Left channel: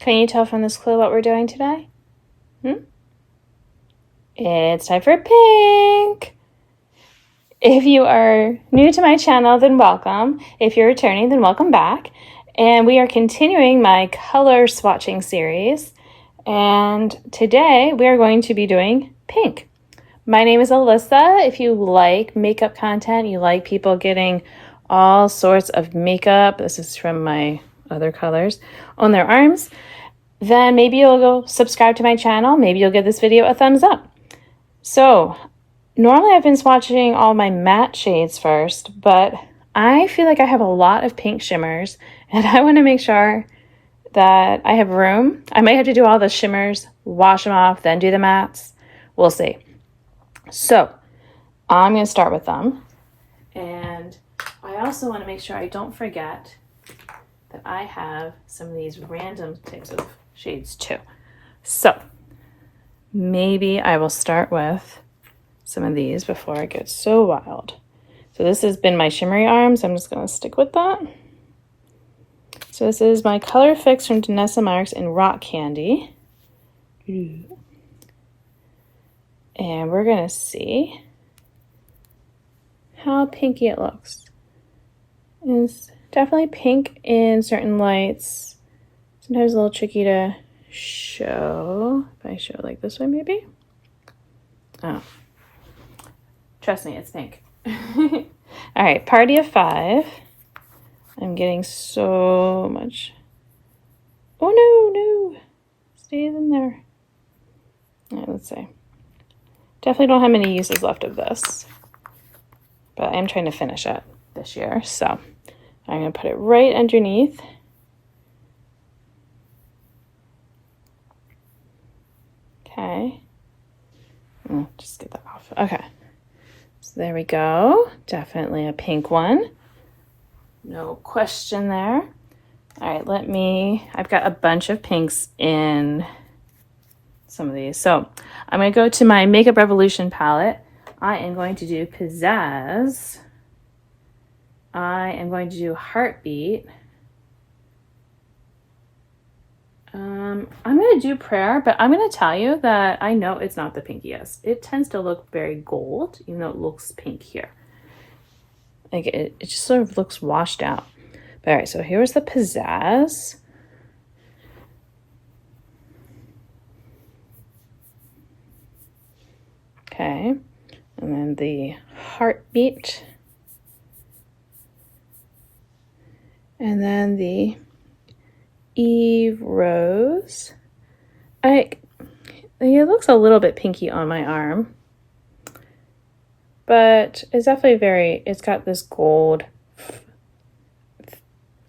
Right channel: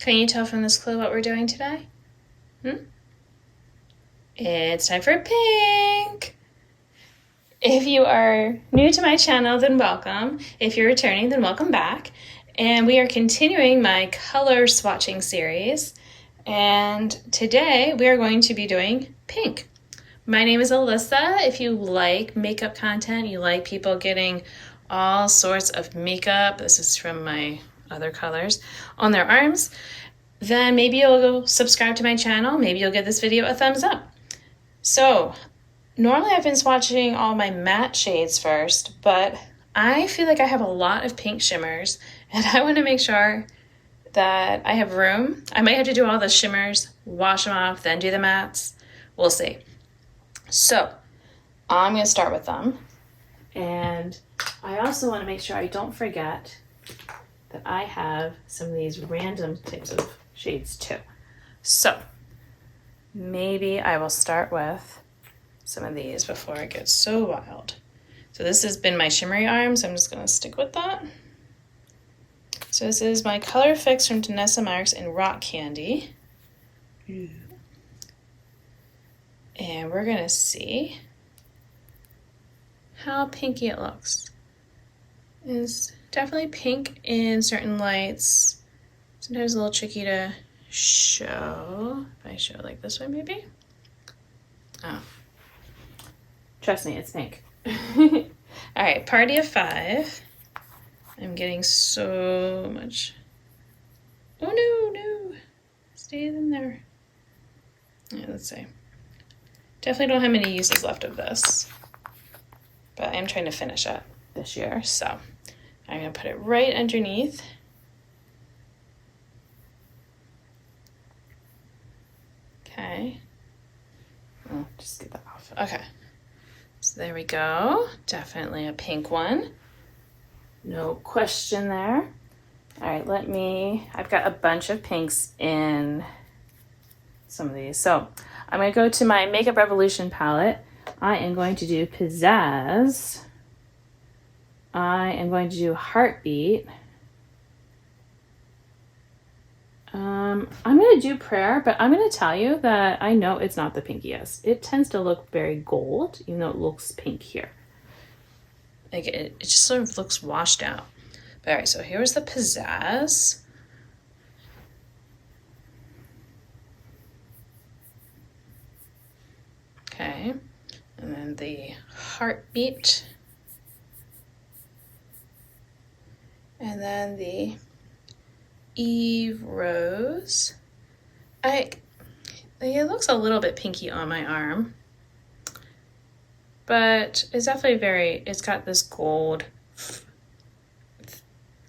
Can you tell from this clue what we're doing today? It's time for pink. If you are new to my channel, then welcome. If you're returning, then welcome back. And we are continuing my color swatching series. And today we are going to be doing pink. My name is Alyssa. If you like makeup content, you like people getting all sorts of makeup, this is from my other colors, on their arms, then maybe you'll go subscribe to my channel. Maybe you'll give this video a thumbs up. So normally I've been swatching all my matte shades first, but I feel like I have a lot of pink shimmers and I want to make sure that I have room. I might have to do all the shimmers, wash them off, then do the mattes. We'll see. So I'm going to start with them. And I also want to make sure I don't forget that I have some of these random types of shades too. So maybe I will start with some of these before it gets so wild. So this has been my shimmery arm, so I'm just going to stick with that. So this is my Color Fix from Danessa Myricks in Rock Candy. And we're going to see how pinky it looks. It's definitely pink in certain lights. Sometimes a little tricky to show. If I show it like this one maybe. Oh. Trust me, it's pink. All right, Party of 5. I'm getting so much. Oh no. Stay in there. All right, let's see. Definitely don't have many uses left of this. But I'm trying to finish it this year, so I'm going to put it right underneath. Okay. Just get that off. Okay. So there we go. Definitely a pink one. No question there. All right, I've got a bunch of pinks in some of these. So I'm going to go to my Makeup Revolution palette. I am going to do Pizzazz. I am going to do Heartbeat. I'm going to do Prayer, but I'm going to tell you that I know it's not the pinkiest. It tends to look very gold, even though it looks pink here. Like it just sort of looks washed out. But all right, so here's the Pizzazz. Okay, and then the Heartbeat. And then the Eve Rose. It looks a little bit pinky on my arm, but it's definitely it's got this gold,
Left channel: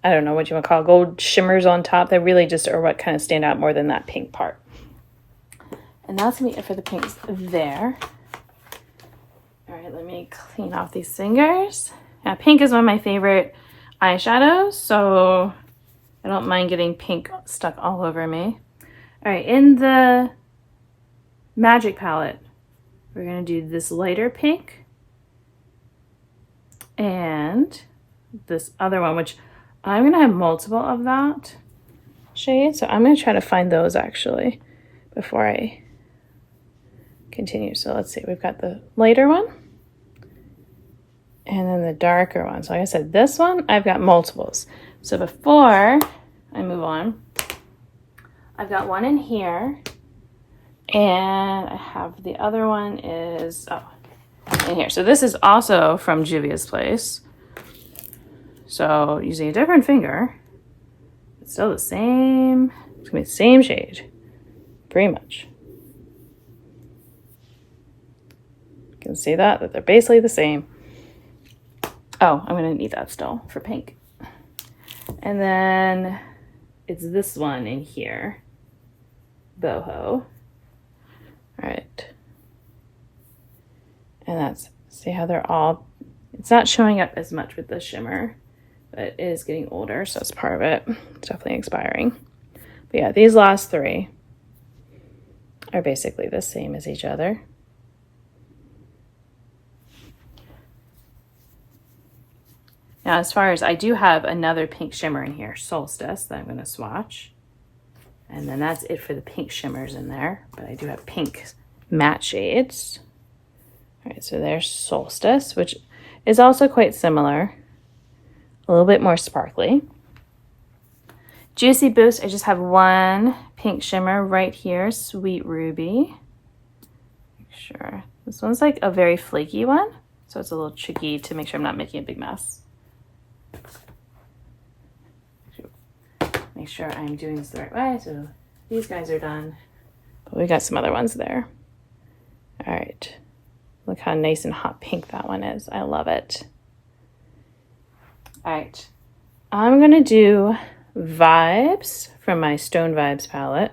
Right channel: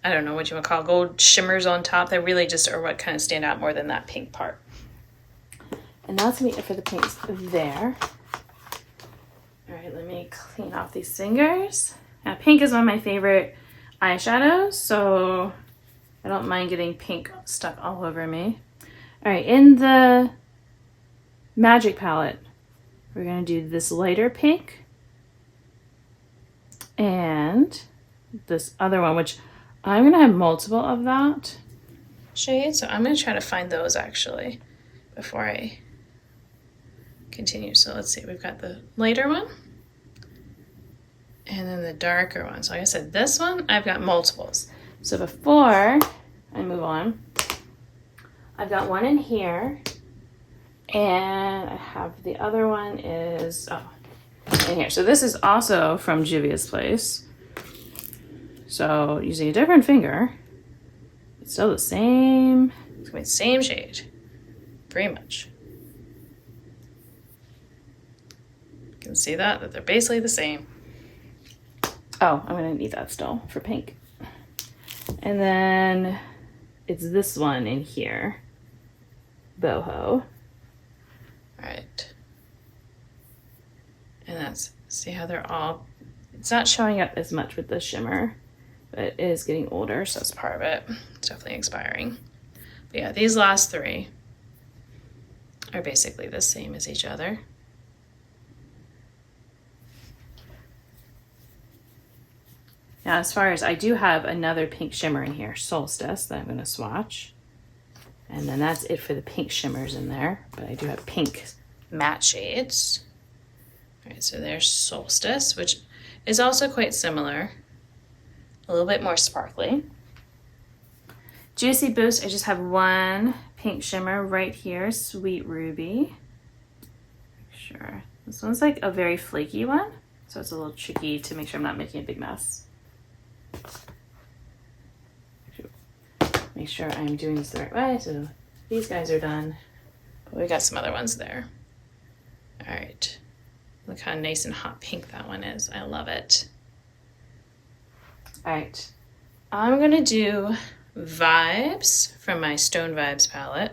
I don't know what you want to call it, gold shimmers on top that really just are what kind of stand out more than that pink part. And that's gonna be it for the pinks there. All right, let me clean off these fingers. Now, pink is one of my favorite eyeshadows, so I don't mind getting pink stuff all over me. All right, in the Magic palette, we're gonna do this lighter pink and this other one, which I'm gonna have multiple of that shade, so I'm gonna try to find those actually before I continue. So let's see, we've got the lighter one and then the darker one. So like I said, this one, I've got multiples. So before I move on, I've got one in here and I have the other one is in here. So this is also from Juvia's Place. So using a different finger, it's still the same, it's gonna be the same shade, pretty much. You can see that they're basically the same. Oh, I'm gonna need that still for pink. And then it's this one in here, Boho. All right. And that's, see how they're all, it's not showing up as much with the shimmer, but it is getting older, so it's part of it. It's definitely expiring. But yeah, these last three are basically the same as each other. Now, as far as, I do have another pink shimmer in here, Solstice, that I'm going to swatch. And then that's it for the pink shimmers in there. But I do have pink matte shades. All right, so there's Solstice, which is also quite similar. A little bit more sparkly. Juicy Boost, I just have one pink shimmer right here, Sweet Ruby. Sure, this one's like a very flaky one, so it's a little tricky to make sure I'm not making a big mess. Make sure I'm doing this the right way, so these guys are done. But we got some other ones there. All right, look how nice and hot pink that one is. I love it. All right, I'm gonna do Vibes from my Stone Vibes palette.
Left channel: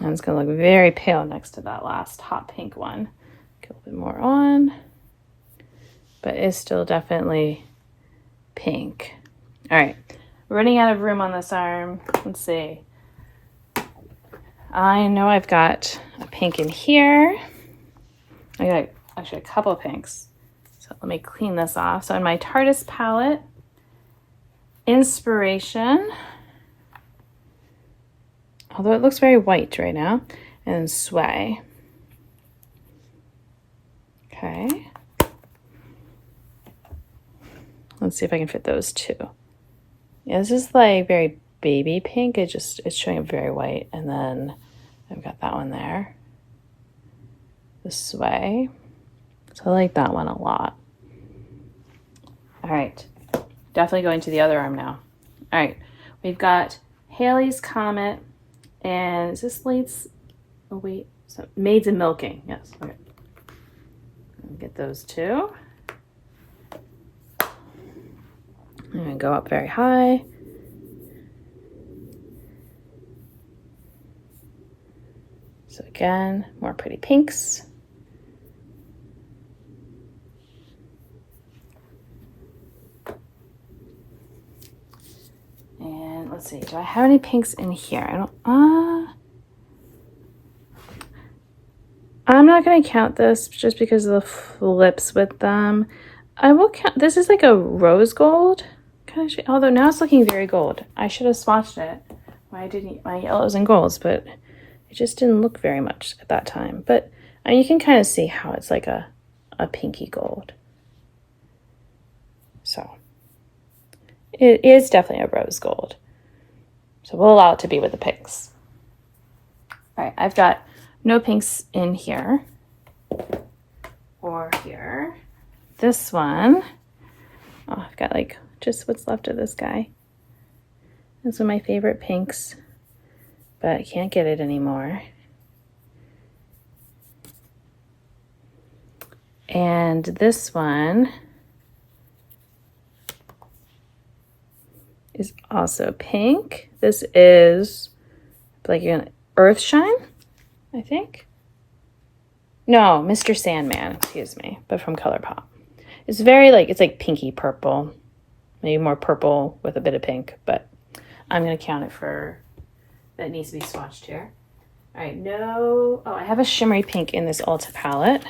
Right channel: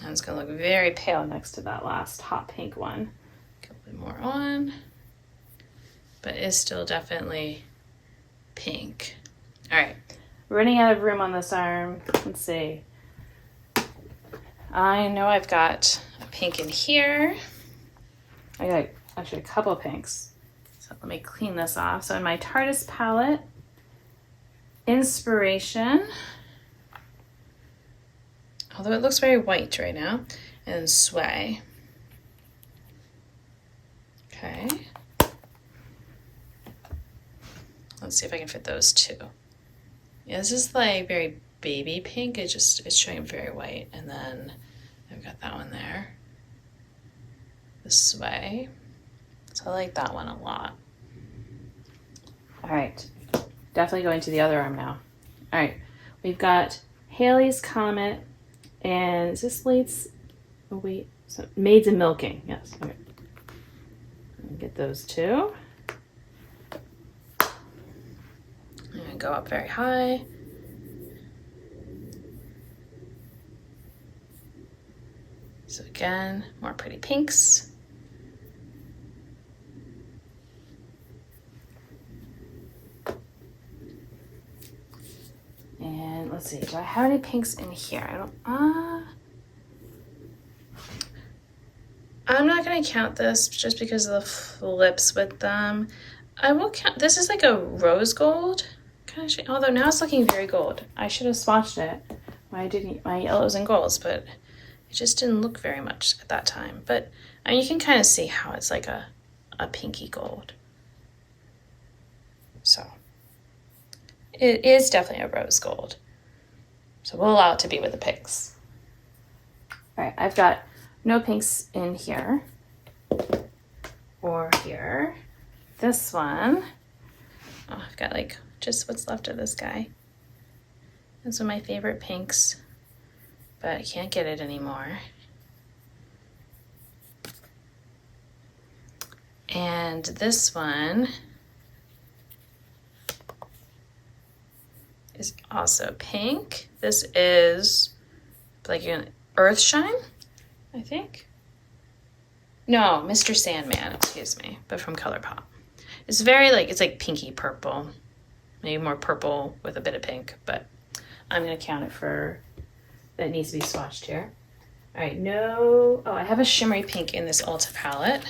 And it's gonna look very pale next to that last hot pink one. Get a little bit more on, but it's still definitely pink. All right, running out of room on this arm. Let's see. I know I've got a pink in here. I got actually a couple pinks. So let me clean this off. So in my Tartus palette, Inspiration, although it looks very white right now, and Sway. Okay. Let's see if I can fit those two. Yeah, this is like very baby pink. It's showing very white. And then I've got that one there. The Sway. So I like that one a lot. All right, definitely going to the other arm now. All right, we've got Halley's Comet, and is this Late's, oh wait, so Maids in Milking, yes, okay. Get those two. And go up very high. So again, more pretty pinks. And let's see, do I have any pinks in here? I don't, I'm not gonna count this just because of the flips with them. I will count, this is like a rose gold kind of shade, although now it's looking very gold. I should have swatched it. Why I didn't my yellows and golds, but it just didn't look very much at that time. But I mean, you can kind of see how it's like a pinky gold. So it is definitely a rose gold. So we'll allow it to be with the pinks. All right, I've got no pinks in here or here. This one, oh, I've got like just what's left of this guy. Those are my favorite pinks, but I can't get it anymore. And this one is also pink. This is like an Earthshine, I think. No, Mr. Sandman, excuse me, but from ColourPop. It's very like, it's like pinky purple, maybe more purple with a bit of pink, but I'm gonna count it for, that needs to be swatched here. All right, no, oh, I have a shimmery pink in this Ulta palette.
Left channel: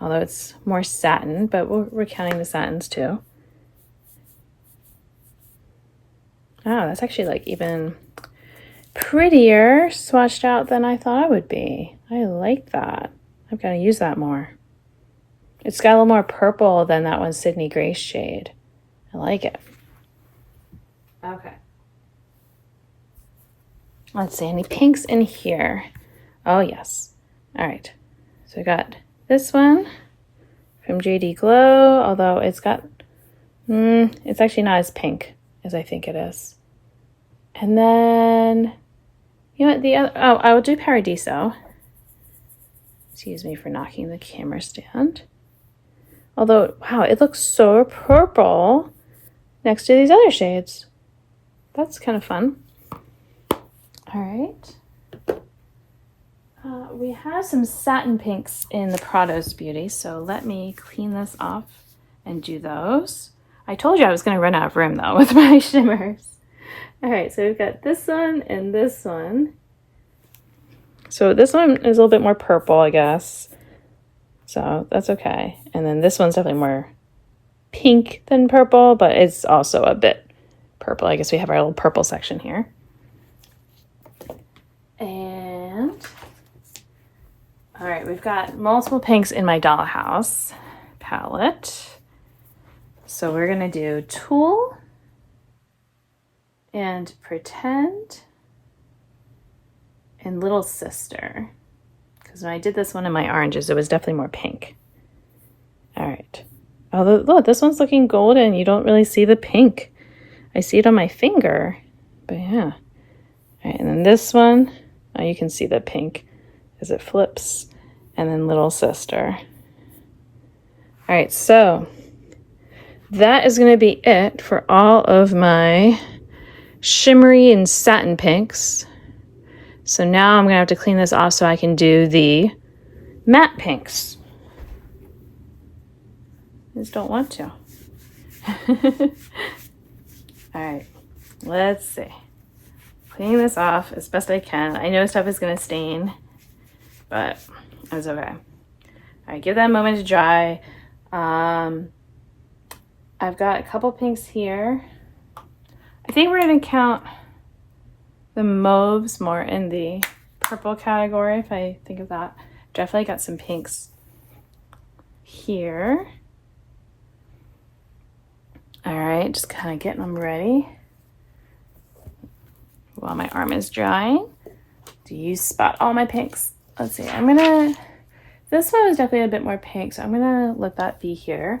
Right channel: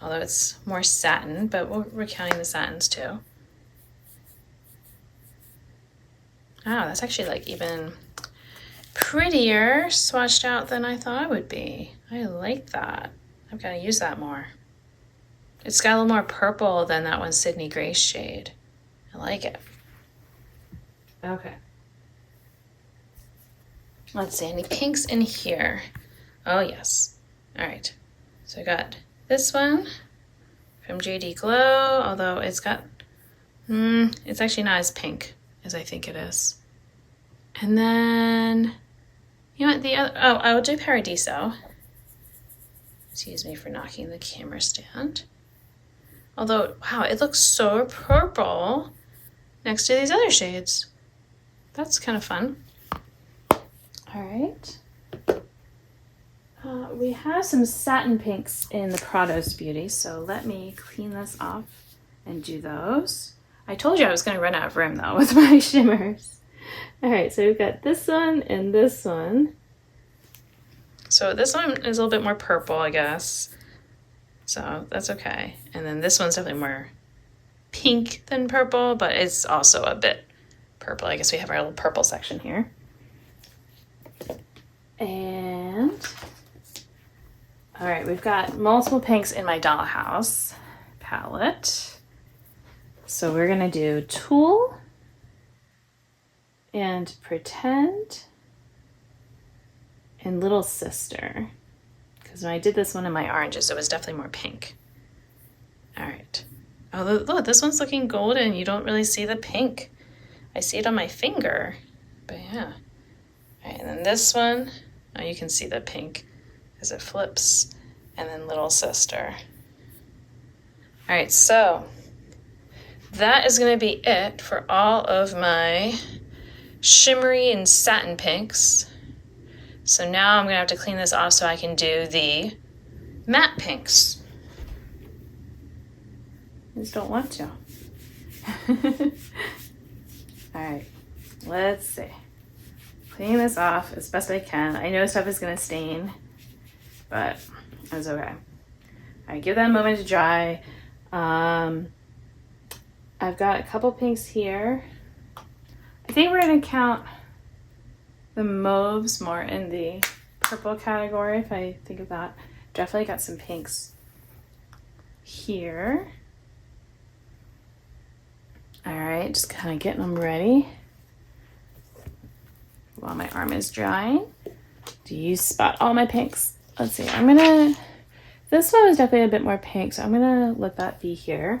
Although it's more satin, but we're counting the satins too. Oh, that's actually like even prettier swatched out than I thought it would be. I like that. I've got to use that more. It's got a little more purple than that one Sydney Grace shade. I like it. Okay. Let's see, any pinks in here? Oh, yes. All right. So we got this one from JD Glow, although it's got, it's actually not as pink as I think it is. And then, you know what, the other, oh, I'll do Paradiso. Excuse me for knocking the camera stand. Although, wow, it looks so purple next to these other shades. That's kind of fun. All right. We have some satin pinks in the Prados Beauty, so let me clean this off and do those. I told you I was going to run out of room, though, with my shimmers. All right, so we've got this one and this one. So this one is a little bit more purple, I guess. So that's okay. And then this one's definitely more pink than purple, but it's also a bit purple. I guess we have our little purple section here. And all right, we've got multiple pinks in my Dollhouse palette. So we're gonna do Tulle and Pretend and Little Sister. Because when I did this one in my oranges, it was definitely more pink. All right. Oh, look, this one's looking golden. You don't really see the pink. I see it on my finger, but yeah. All right, and then this one, oh, you can see the pink as it flips. And then Little Sister. All right, so that is gonna be it for all of my shimmery and satin pinks. So now I'm gonna have to clean this off so I can do the matte pinks. I just don't want to. All right, let's see. Cleaning this off as best I can. I know stuff is gonna stain, but it's okay. All right, give that a moment to dry. I've got a couple pinks here. I think we're gonna count the mauves more in the purple category, if I think of that. Definitely got some pinks here. All right, just kind of getting them ready while my arm is drying. Do you spot all my pinks? Let's see, this one was definitely a bit more pink, so I'm gonna let that be here.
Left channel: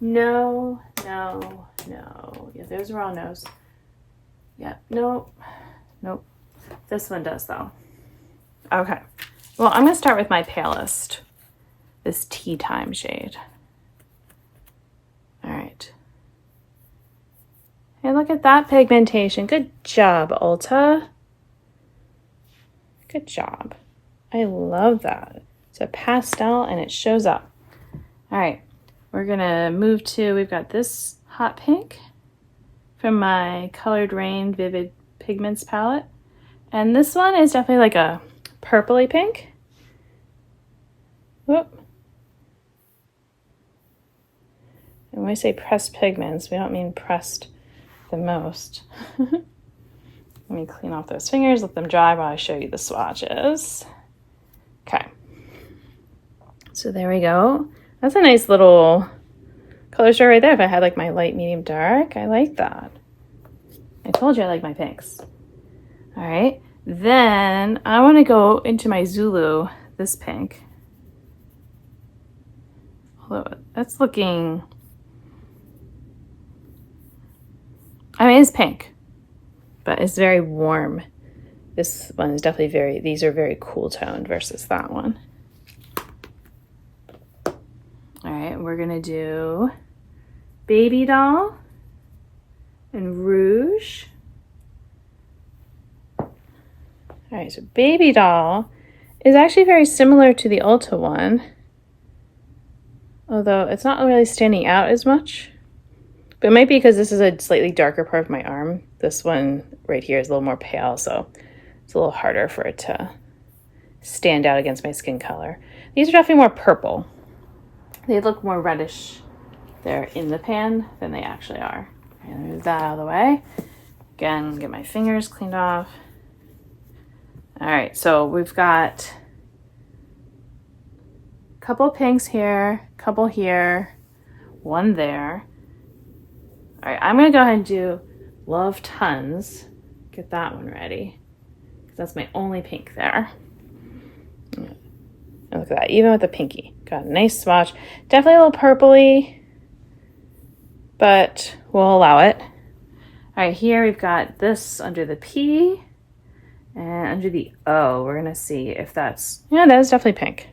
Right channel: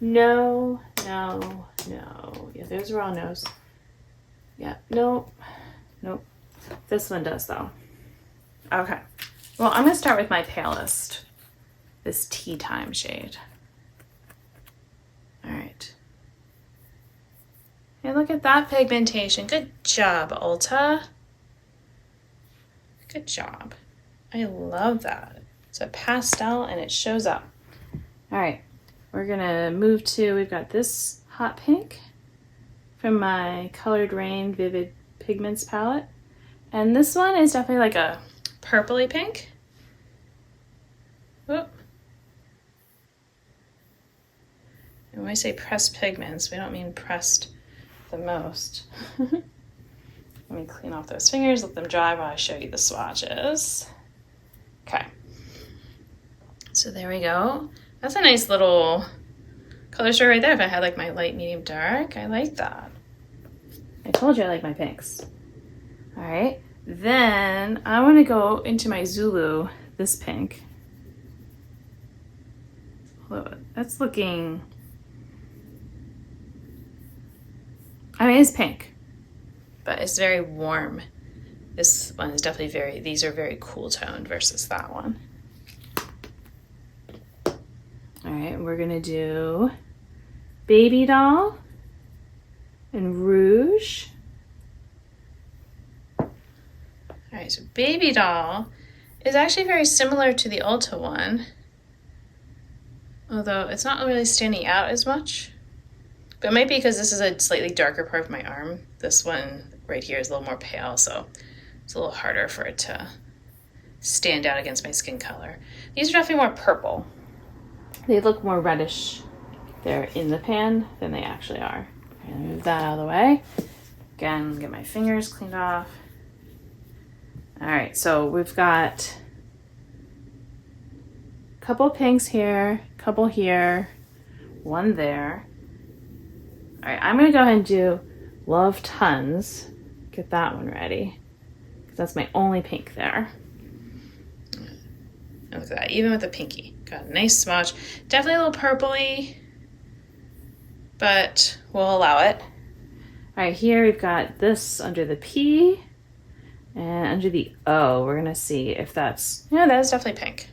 No. Yeah, those are all no's. Yeah, nope. This one does though. Okay, well, I'm gonna start with my palest, this Tea Time shade. All right. And look at that pigmentation. Good job, Ulta. Good job. I love that. It's a pastel and it shows up. All right, we're gonna move to, we've got this hot pink from my Colored Rain Vivid Pigments palette. And this one is definitely like a purpley pink. Whoop. And when we say pressed pigments, we don't mean pressed the most. Let me clean off those fingers, let them dry while I show you the swatches. Okay. So there we go. That's a nice little color story right there. If I had like my light, medium, dark, I like that. I told you I like my pinks. All right, then I want to go into my Zulu, this pink. Although that's looking, I mean, it's pink, but it's very warm. This one is definitely these are very cool toned versus that one. All right, we're gonna do Baby Doll and Rouge. All right, so Baby Doll is actually very similar to the Ulta one, although it's not really standing out as much. But it might be because this is a slightly darker part of my arm. This one right here is a little more pale, so it's a little harder for it to stand out against my skin color. These are definitely more purple. They look more reddish there in the pan than they actually are. I'm gonna move that out of the way. Again, get my fingers cleaned off. All right, so we've got a couple pinks here, couple here, one there. All right, I'm gonna go ahead and do Love Tons. Get that one ready, because that's my only pink there. And look at that, even with the pinky. Got a nice swatch. Definitely a little purpley, but we'll allow it. All right, here we've got this under the P and under the O. We're gonna see if that's, yeah, that's definitely pink.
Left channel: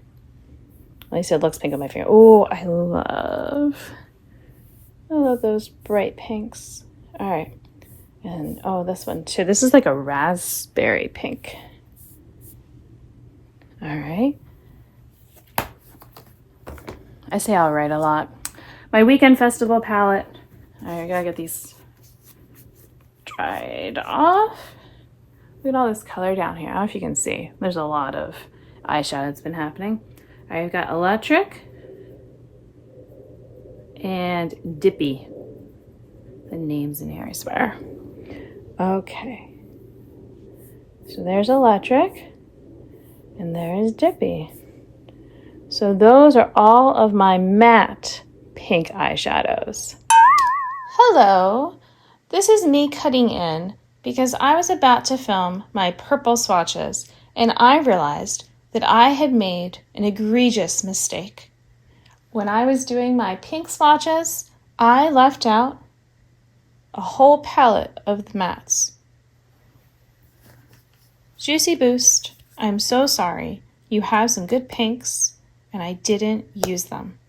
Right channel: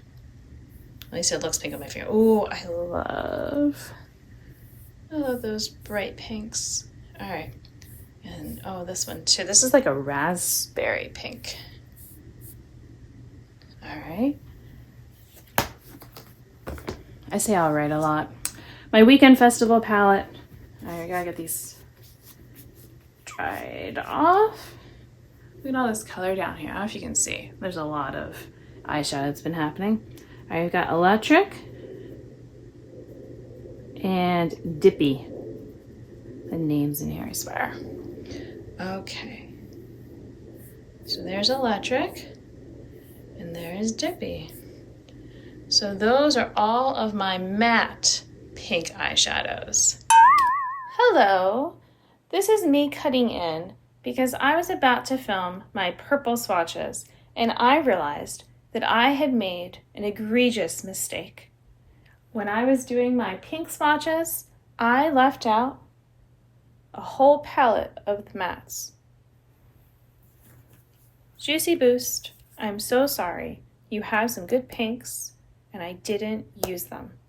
At least it looks pink on my finger. Oh, I love those bright pinks. All right, and oh, this one too. This is like a raspberry pink. All right. I say all right a lot. My Weekend Festival palette. All right, I gotta get these dried off. Look at all this color down here. I don't know if you can see. There's a lot of eyeshadow that's been happening. All right, I've got Electric and Dippy. The names in here, I swear. Okay. So there's Electric, and there's Dippy. So those are all of my matte pink eyeshadows. Hello, this is me cutting in because I was about to film my purple swatches and I realized that I had made an egregious mistake. When I was doing my pink swatches, I left out a whole palette of the mattes. Juicy Boost, I'm so sorry. You have some good pinks and I didn't use them.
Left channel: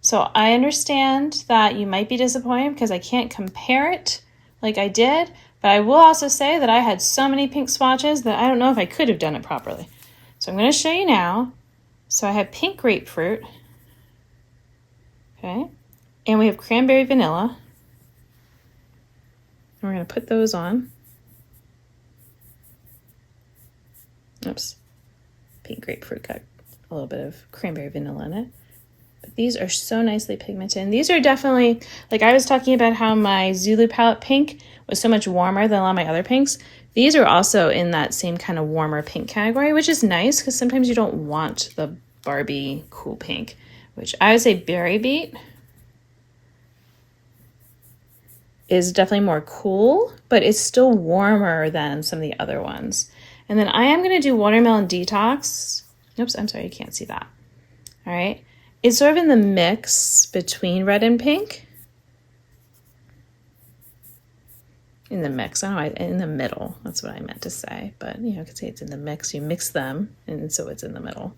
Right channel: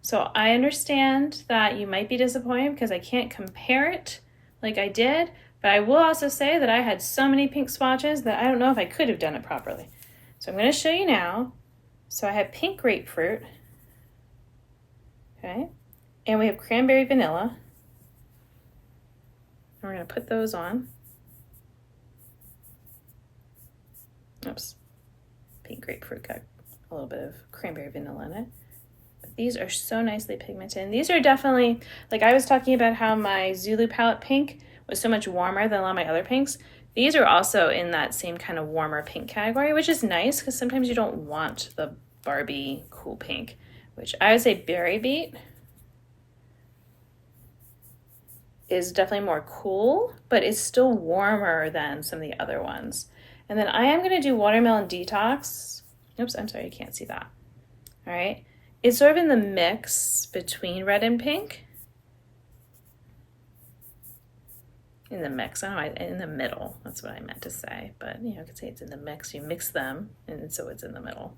So I understand that you might be disappointed because I can't compare it like I did, but I will also say that I had so many pink swatches that I don't know if I could have done it properly. So I'm going to show you now. So I have pink grapefruit, okay, and we have cranberry vanilla. We're going to put those on. Oops, pink grapefruit got a little bit of cranberry vanilla in it. But these are so nicely pigmented. And these are definitely, like I was talking about how my Zulu palette pink was so much warmer than a lot of my other pinks. These are also in that same kind of warmer pink category, which is nice because sometimes you don't want the Barbie cool pink, which I would say Berry Beet is definitely more cool, but it's still warmer than some of the other ones. And then I am going to do Watermelon Detox. Oops, I'm sorry, you can't see that. All right. It's sort of in the mix between red and pink. In the mix, I don't know, in the middle. That's what I meant to say. But, you know, I could say it's in the mix. You mix them, and so it's in the middle.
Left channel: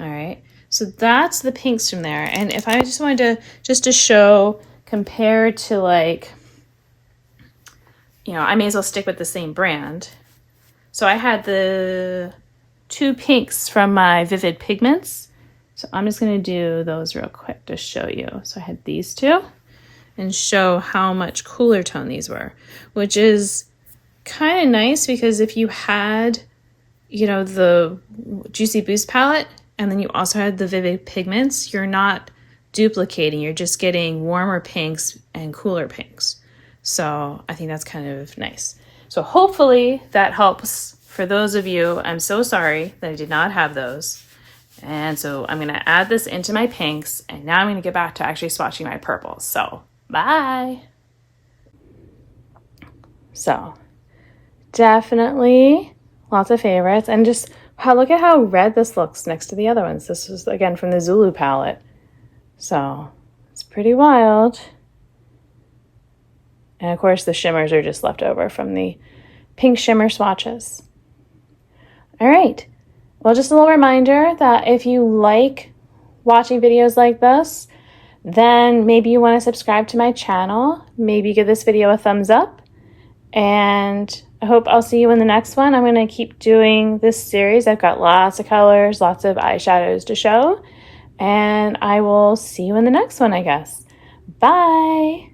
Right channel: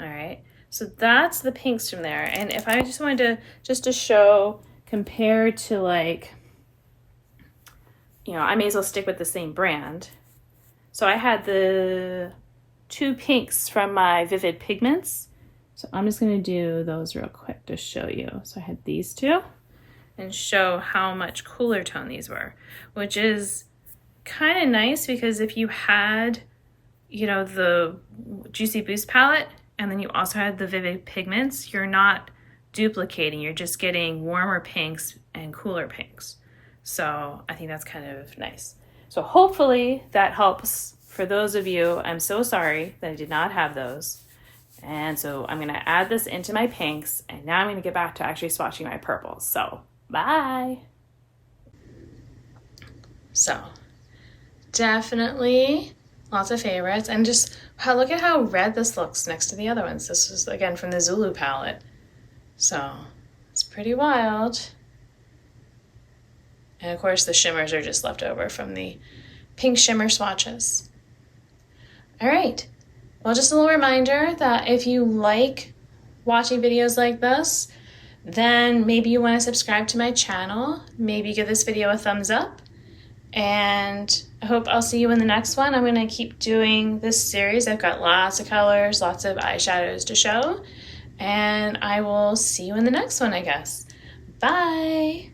All right. So that's the pinks from there. And if I just wanted to show, compared to like, you know, I may as well stick with the same brand. So I had the two pinks from my Vivid Pigments. So I'm just going to do those real quick to show you. So I had these two and show how much cooler tone these were, which is kind of nice because if you had, you know, the Juicy Boost palette and then you also had the Vivid Pigments, you're not duplicating, you're just getting warmer pinks and cooler pinks. So I think that's kind of nice. So hopefully that helps for those of you. I'm so sorry that I did not have those. And so I'm going to add this into my pinks, and now I'm going to get back to actually swatching my purples. So bye. So definitely lots of favorites, and just look at how red this looks next to the other ones. This is again from the Zulu palette. So it's pretty wild. And of course the shimmers are just left over from the pink shimmer swatches. All right. Well, just a little reminder that if you like watching videos like this, then maybe you want to subscribe to my channel. Maybe give this video a thumbs up. And I hope I'll see you in the next one. I'm going to keep doing this series. I've got lots of colors, lots of eyeshadows to show. And I will see you in the next one, I guess. Bye.